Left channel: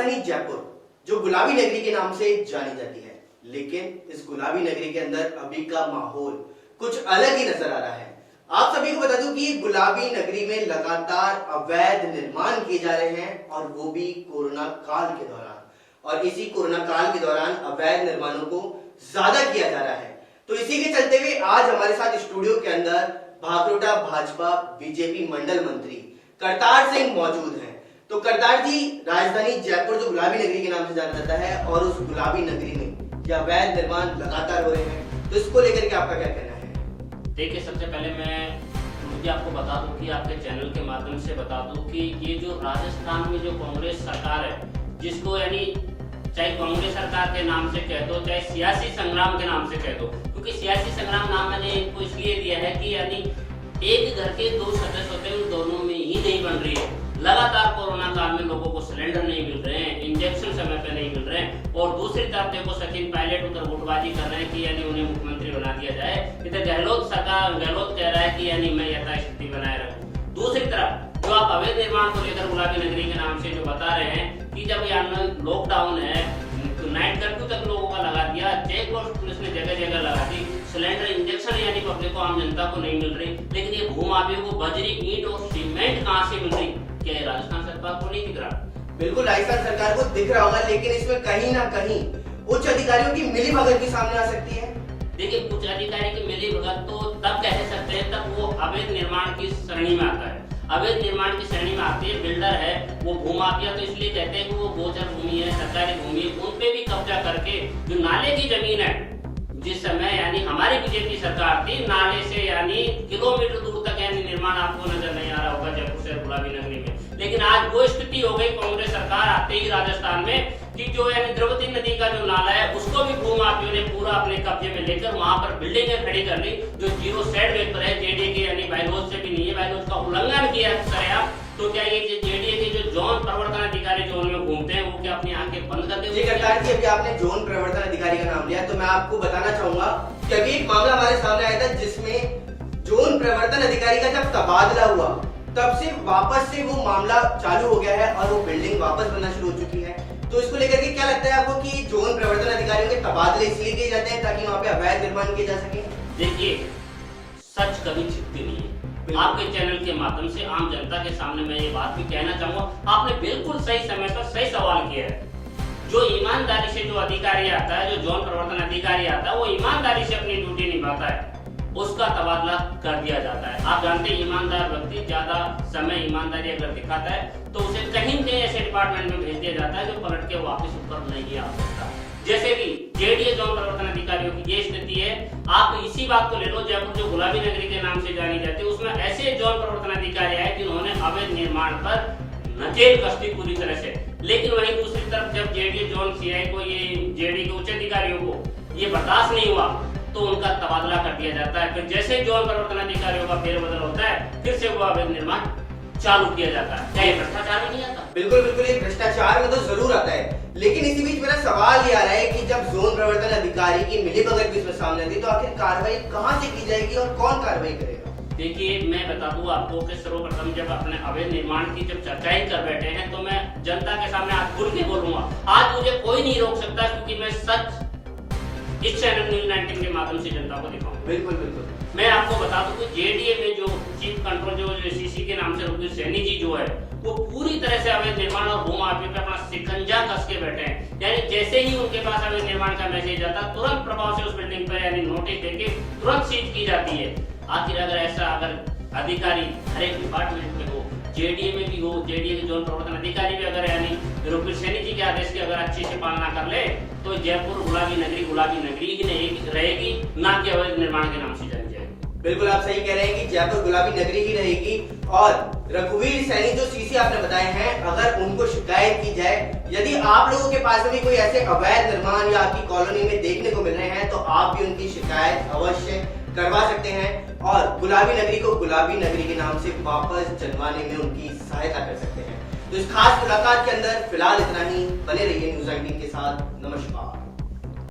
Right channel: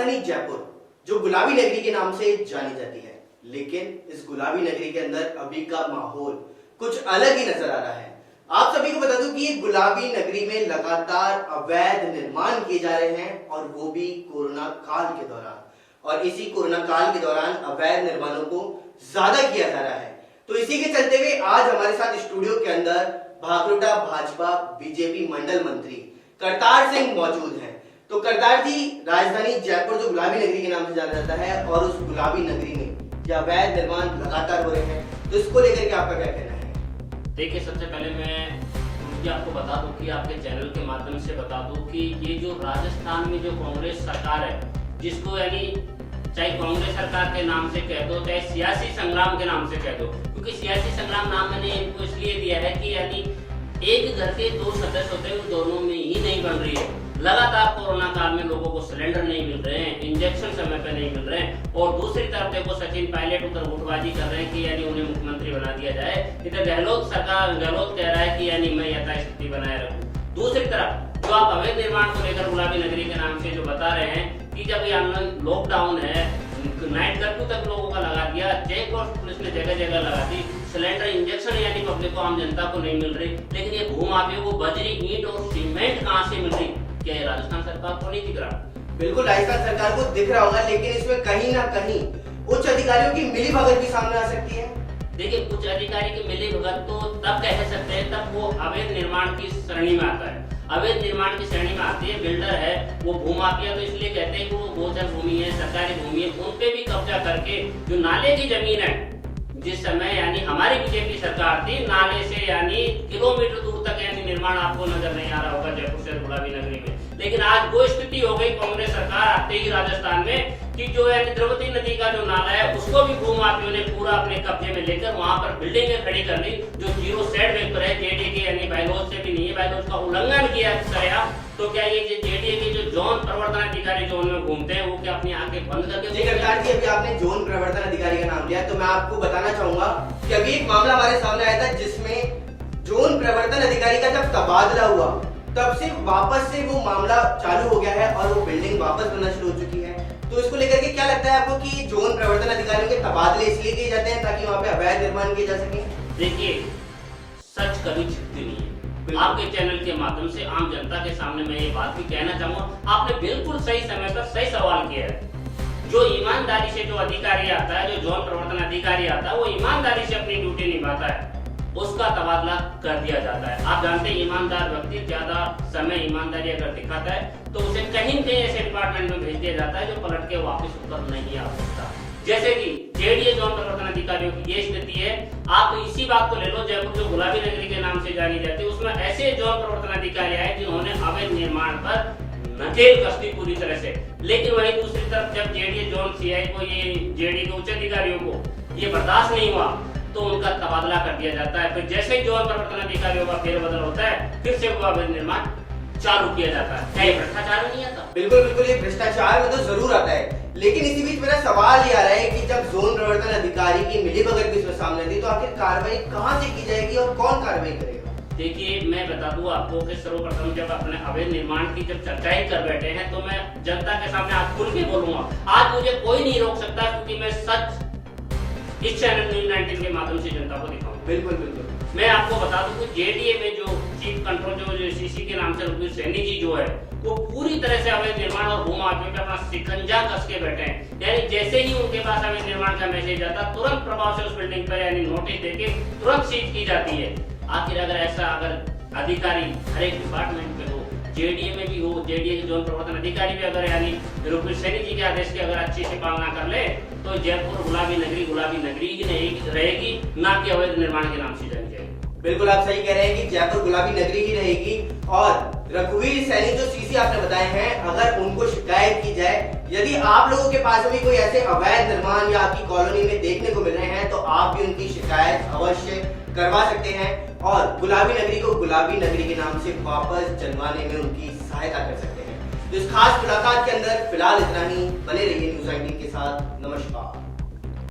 राजधानी जयपुर जो गुलाबी नगरी के नाम से जानी जाती है, लेकिन इस गुलाबी नगरी के अंदर अभी का माहौल कुछ अलग ही नजर आ रहा है। आप सभी को बता दूं कि गुलाबी नगरी में लगातार अवैध निर्माण किए जा रहे हैं और वो भी कोरोना काल के दौरान। और इसी कोरोना काल के दौरान अवैध निर्माणों को ज्यादा किया जा रहा है। तो इसी के चलते हुए आज हमारे साथ स्टूडियो के अंदर भागरोटा भाजपा बीजेपी मंडल मंत्री करतार सिंह मौजूद हैं। तो करतार जी, राजधानी जयपुर जो गुलाबी नगरी के नाम से जाना जाता है और उस गुलाबी नगरी में जो अवैध निर्माण लगातार हो रहे हैं, तो इसको लेकर के आपका क्या कहना है? देखिए, सबसे पहले मैं मुझे आपको बता दूं कि आपके चैनल के माध्यम से बता दूं कि ये जो राजस्थान में जो कांग्रेस सरकार है, जिसको यानी चाहे कांग्रेस सरकार के नाम से कह दो चाहे सियासी संग्राम के नाम से कह दो, क्योंकि सियासी संग्राम नाम मैंने इनको इसलिए दिया है कि यानी एक घर के दो सदस्य होते हैं, उन दोनों में ही नहीं बन रही है। लगातार कोरोना काल में लोगों को सिलेंडर नहीं मिल रहे हैं, इंजेक्शन समय पे नहीं मिल रहे हैं, और दूसरी तरफ देखो सचिन पायलट उधर गुटबाजी कर रहे हैं कि यानी उन्हें मुख्यमंत्री बना दिया जाए। इधर गहलोत कह रहा है कि यानी मैं यथास्थिति बनाए रखूं। दूसरी तरफ जो आप अवैध निर्माण को लेकर गुलाबी नगरी के नाम से जो बता रहे हैं कि जब यहाँ लॉकडाउन है, नाइट कर्फ्यू तक लोगों का लगा दिया, चेक पोस्ट पुलिस ने जगह जगह लगा दी, सिलेंडर इंजेक्शन यानी पब्लिक को, आम जनता को नहीं मिल रही, लेकिन ये भूमाफियों को बजरी ईंट और सीमेंट कहाँ से मिल रही? क्या ये राजस्थान सरकार को नहीं दिख रहा? बिल्कुल राजस्थान सरकार को दिख रहा होगा, लेकिन इसमें कहीं ना कहीं उच्च अधिकारियों की मिलीभगत भी सामने आ सकती है। देखिए, उच्च अधिकारी की मिलीभगत तो तब कह सकते हैं तब वो अवैध निर्माण की श्रेणी में आता है। अवैध निर्माण की श्रेणी में आती है, बिल्डर है, वो भूमाफिया तो इसलिए कहते हैं कि वो गोचर भूमि है, सरकारी भूमि है, उन पे भी कब्जा करके जो नाले की जमीन है, जिस समय यानी हमारी बीजेपी सरकार थी, नाले से यानी किलोमीटर दूर तक यानी निर्माण आपको नजर नहीं आ रहा होगा जयपुर शहर गुलाबी नगरी में। लेकिन आज वो स्थिति हो गई कांग्रेस सरकार आते ही राजस्थान में कि जो यानी द्रौपदी नदी का जो नाला है उसको भी भूमाफियों ने पूरा अपने कब्जे में लेकर वहां पर बिल्डिंगें खड़ी कर ली, जो जीरो सेट वेट पर है, जेडीए के यानी बायलॉज से भी नहीं है, बायलॉज का उल्लंघन किया गया। तो क्या ये जेडीए के जो जोन प्रवर्तन अधिकारी जोन में घूमते हैं, वो क्या अपनी आंखें बंद करके? जी करतार जी, अभी आपने जोन प्रवर्तन अधिकारी का नाम लिया, तो मैं आपको बताना चाहूंगा कि अभी एक मामला हमारे सामने आया था जिसमें जोन प्रवर्तन अधिकारी का जब तबादला हुआ तब से वापस से वो मामला चालू हो गया है और वो बिल्डिंग वापस बनना शुरू हो चुकी है। तो इसको लेकर के क्या लगता है आपको कि जोन प्रवर्तन अधिकारियों के तबादले इसलिए किए जाते हैं ताकि वहां पे अवैध निर्माण किए जा सके? देखिए, सच कभी छिपती नहीं है। आपके चैनल के माध्यम से आम जनता के सामने मैं ये बात भी कहना चाहूंगा, आपने बिल्कुल सही समय पर सही सवाल किया है। जो ईमानदारी से जो अधिकारी आता है, जो जोन प्रवर्तन अधिकारी आता है, वो ईमानदारी से अपनी ड्यूटी निभाता है, उसका तबादला कर दिया जाता है। आप जानते हैं ईमानदार व्यक्ति ज्यादा समय ईमानदारी अगर दिखाता है तो उसे कहीं न कहीं ऐसे डिपार्टमेंट में भेज दिया जाता है जो पलट के वापस ऊपर नहीं आ सकता। जैसे कि जेडीए जोन प्रवर्तन अधिकारियों की ये स्थिति है। आप इसी बात को ले लो, जयपुर जो गुलाबी नगरी के नाम से जानी जाती है, उसमें ऐसे जोन प्रवर्तन अधिकारी आए जिन्होंने अवैध निर्माण पर नकेल कसी पूरी तरह से। लेकिन वहीं दूसरी तरफ जब जेडीए जोन सीआई को, ये जेडीए के उच्च अधिकारियों को ये बर्दाश्त नहीं हुआ तो उनका तबादला कर दिया जाता है। फिर जैसे ही जोन प्रवर्तन अधिकारियों का फेरबदल होता है, फिर से वो अवैध निर्माण चालू किया जाता है। क्या ये भ्रष्टाचार में नहीं आता? बिल्कुल बिल्कुल, ये भ्रष्टाचार में तो जरूर आता है। लेकिन इसी बीच मेरा सवाल ये आ रहा है कि जब जोन प्रवर्तन अधिकारी की मिलीभगत भी इसमें सामने आती है, तो आखिर कार्रवाई कहां से की जाएगी और कौन कार्रवाई करेगा? देखिए, मैं बता दूं आपको कि सर्वप्रथम जब अपने अवैध निर्माण की जब चर्चा ही कर बैठे हैं, तो मैं जनता के सामने आज खुल के बोलूंगा। आज मुझे कोई नहीं रोक सकता, क्योंकि मैं सच इस चैनल न्यूज़ 19 के माध्यम से जनता को दिखाऊंगा। बिल्कुल बिल्कुल। मैं आपको बता दूं कि जेडीए में जो चीफ कंट्रोल जो सीसी के नाम से रघुवीर सैनी जी जो है, वो पूरी तरह से अवैध निर्माण और भूमाफियों पे अपना शिकंजा कस के बैठे हैं। यानी जैसे ही उनके पास अवैध निर्माण का मैसेज आता, तुरंत प्रभाव से उस बिल्डिंग पर यानी नोटिस देके तुरंत सीज की जाती है। आखिर अगर अधिकारी हर एक डिपार्टमेंट में हो, जेडीए में भी हो, जेडीए के जोन प्रवर्तन अधिकारी भी अगर यानी रघुवीर सैनी जी के आदेश की अगर अच्छी से पालना कर ले, तो जयपुर गुलाबी नगरी ही रहेगी, ना कि अवैध निर्माण के नाम से जानी जाएगी। बिल्कुल आप सही कह रहे हैं कि जयपुर गुलाबी नगरी ही रहेगी। और रघुवीर सैनी जो सीसी आपने बताए हैं, अगर उनको शिकायत की जाए, यदि आप लोगों के पास भी कोई ऐसे अवैध निर्माण या आपकी कॉलोनी में देखने को मिल रहे हैं, तो आप भी उनकी शिकायत अवश्य करवा सकते हैं और गुलाबी नगरी को गुलाबी नगरी के नाम से वापस जनवाने में उनकी सहायता कर सकते हैं। तो इस खास मुलाकात के अंदर फिलहाल इतना ही। बने रहिए न्यूज़ 19 के साथ। नमस्कार।